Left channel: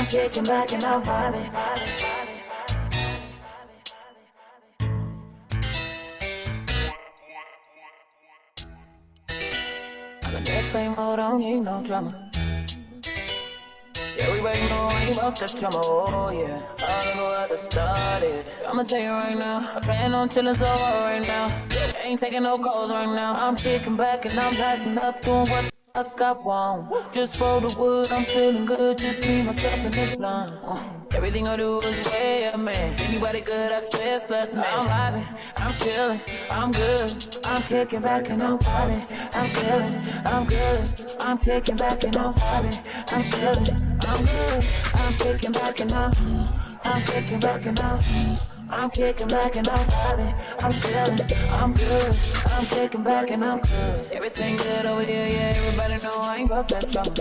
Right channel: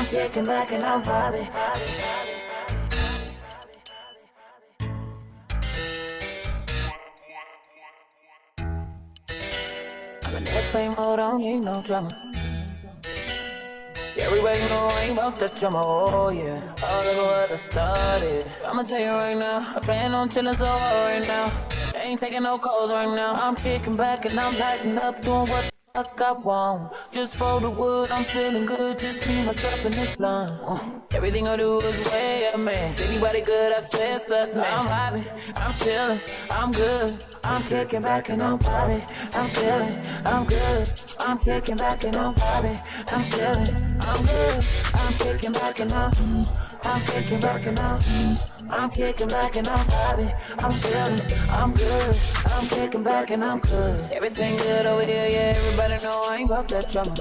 I'm kicking back and I'm vibing. I'm in airplane mode, I don't need no drama. Yeah, everybody know I ain't about that drama, oh yeah. Oh, look at what I started. I'ma tell you right now, I plan on chillin' so hard right now. Ain't taking no calls right now. I'm kicking back and I'm backing up, doing what the fuck I want. Just roll the wood, I'm feeling good, just me, myself, and this blunt. Everything I do is way up, man. Anybody good, I swear it's us, man. I'm vibing, I'm chillin', I'm good. I'm kicking back and I'm vibing. I'm chillin', I'm good. I'm kicking back and I'm vibing. I'm chillin', I'm good. I'm kicking back and I'm kicking back and I'm kicking back and I'm vibing. I'm chillin', I'm good. I'm kicking back and I'm good. Everything good over here, yeah. Everybody know I ain't about that drama.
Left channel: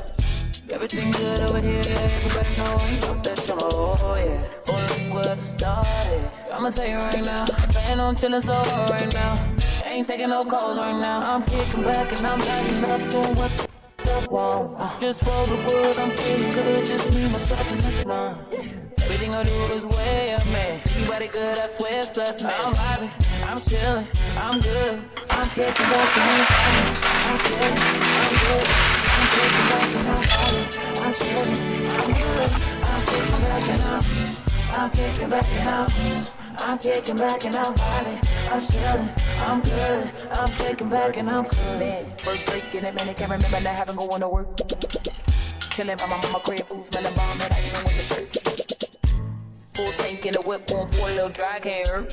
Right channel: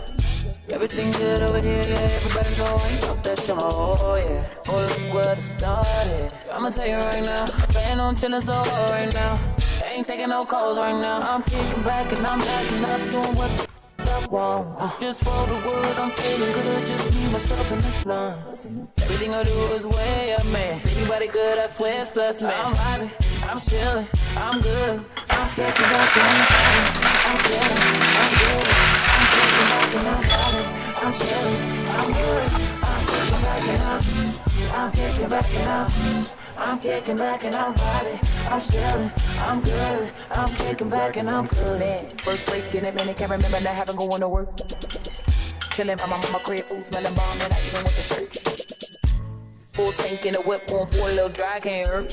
Everything good over here, yeah. Everybody know I ain't about that drama, oh yeah. Oh, look what I started. I'ma tell you right now, I plan on chillin' so hard right now. Ain't taking no calls right now. I'm kicking back and I'm backing up, doing what the fuck I want. Just roll the wood, I'm feeling good, just me, myself, and this blunt. Everything I do is way up, man. Everybody good, I swear it's us, man. I'm vibing, I'm chillin', I'm good. I'm kicking back and I'm chillin', I'm good. I'm chillin', I'm good. I'm kicking back and I'm kicking back and I'm kicking back and I'm vibing. I'm chillin', I'm good. I'm kicking back and I'm good. Man, first break in a minute, can't remember not having going to work. Chillin' by my mama crib, food smelling bomb, and I even went to church. Full tank in the whip, on for a little dry, can't hurt.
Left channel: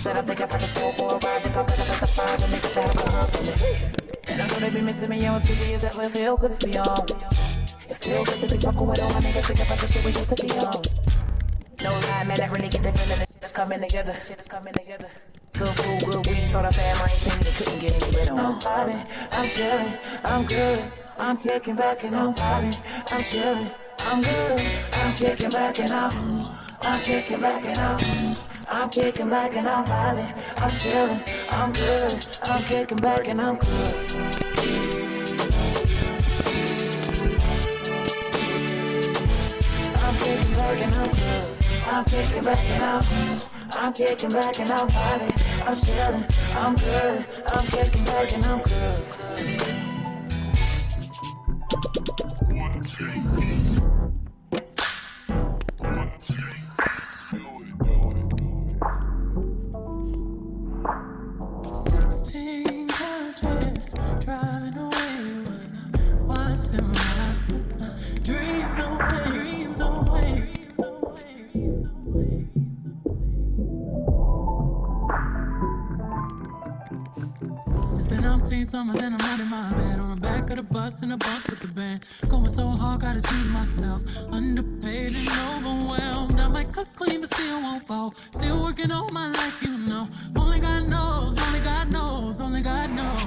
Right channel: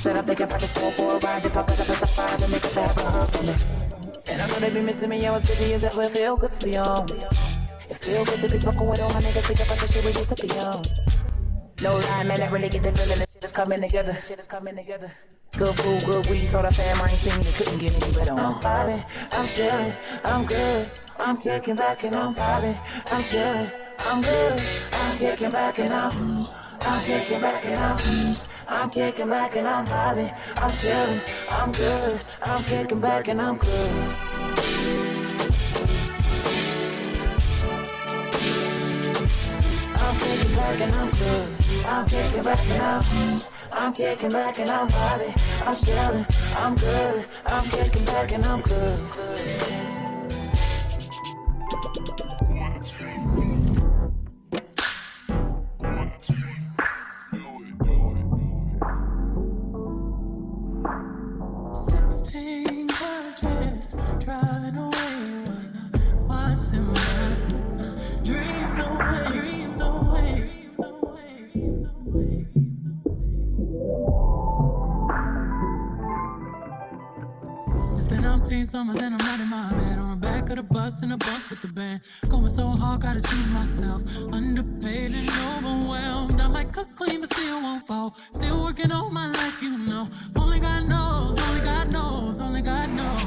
Said I'm thinking about the store for a ride, to pop it up as a surprise and make it to have a hug on me. And I know they be missing me, I was busy as ever, it feel good to be on. It feel good to be smoking with all my niggas, think about the shit we used to be on. No lie, man, I really get the feeling, the shit is coming together, shit is coming together. Good food, good weed, so the fam I ain't seen, they couldn't get any better. I'm vibing, I'm chillin', I'm good. I'm kicking back and I'm vibing, I'm chillin', I'm good. I'm kicking back and I'm kicking back and I'm kicking back and I'm vibing, I'm chillin', I'm good. I'm kicking back and I'm good. I'm kicking back and I'm good. I'm kicking back and I'm kicking back and I'm vibing, I'm chillin', I'm good. I'm kicking back and I'm good. 16 gorgeous, driving away when I watch them ride with my dreams away, dreams away. It's been 18 summers and I'm out in my bed, on the back of the bus in a bunk with the band. Going so hard, gotta choose myself. Underpaid and overwhelmed. I might cut clean, but still won't fall. Still working on my life, you know. Only God knows, only God knows, only God knows.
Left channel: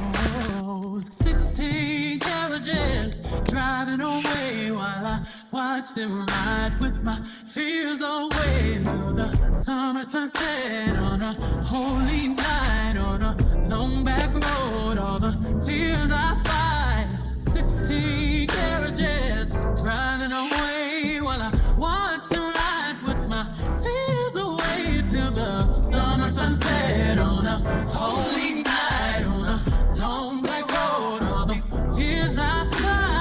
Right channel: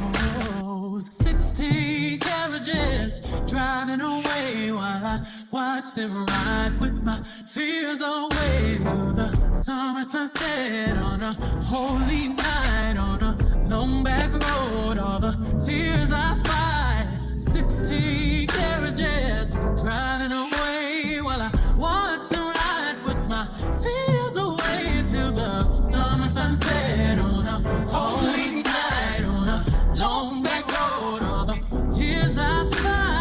16 carriages driving away while I watch them ride with my fears away to the summer sunset on a holy night on a long back road. All the tears I fight. 16 carriages driving away while I watch them ride with my fears away to the summer sunset on a holy night on a long back road. All the tears I fight.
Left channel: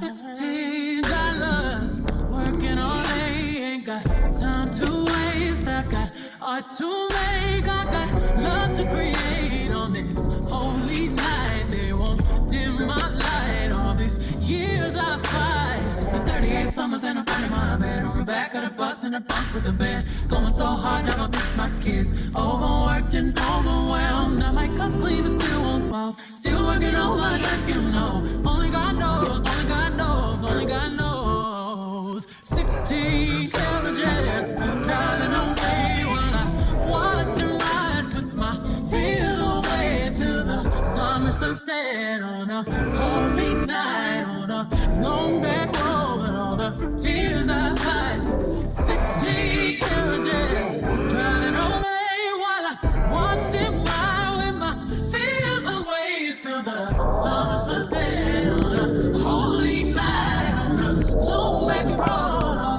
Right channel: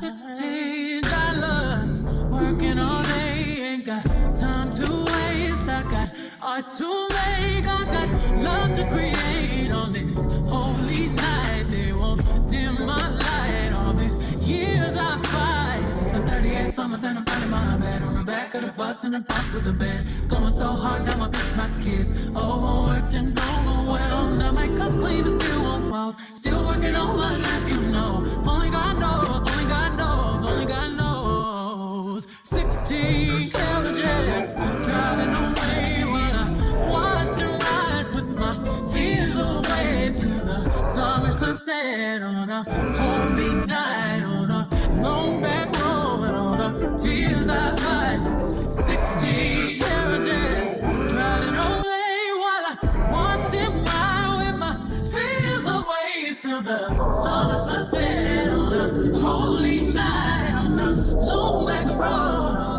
$16 working all day, ain't got time to waste. I got art to make, I got love to create on this holy night. They won't dim my light. All these years I fight. Spent 38 summers and I'm in my bed, on the back of the bus in a bunk with the bed. Going so hard, now I miss my kids. Overworked and overwhelmed. Now my cup clean, but still won't fall. Still working on my life, you know. Only God knows, only God knows, only God knows. 16 carriages driving away when I watch you ride with my fears away to the summer sunset on a holy night on a long back road. All the tears I fight. 16 carriages driving away while I watch them ride with my fears away to till the sun sets down. Holy night on a long black road.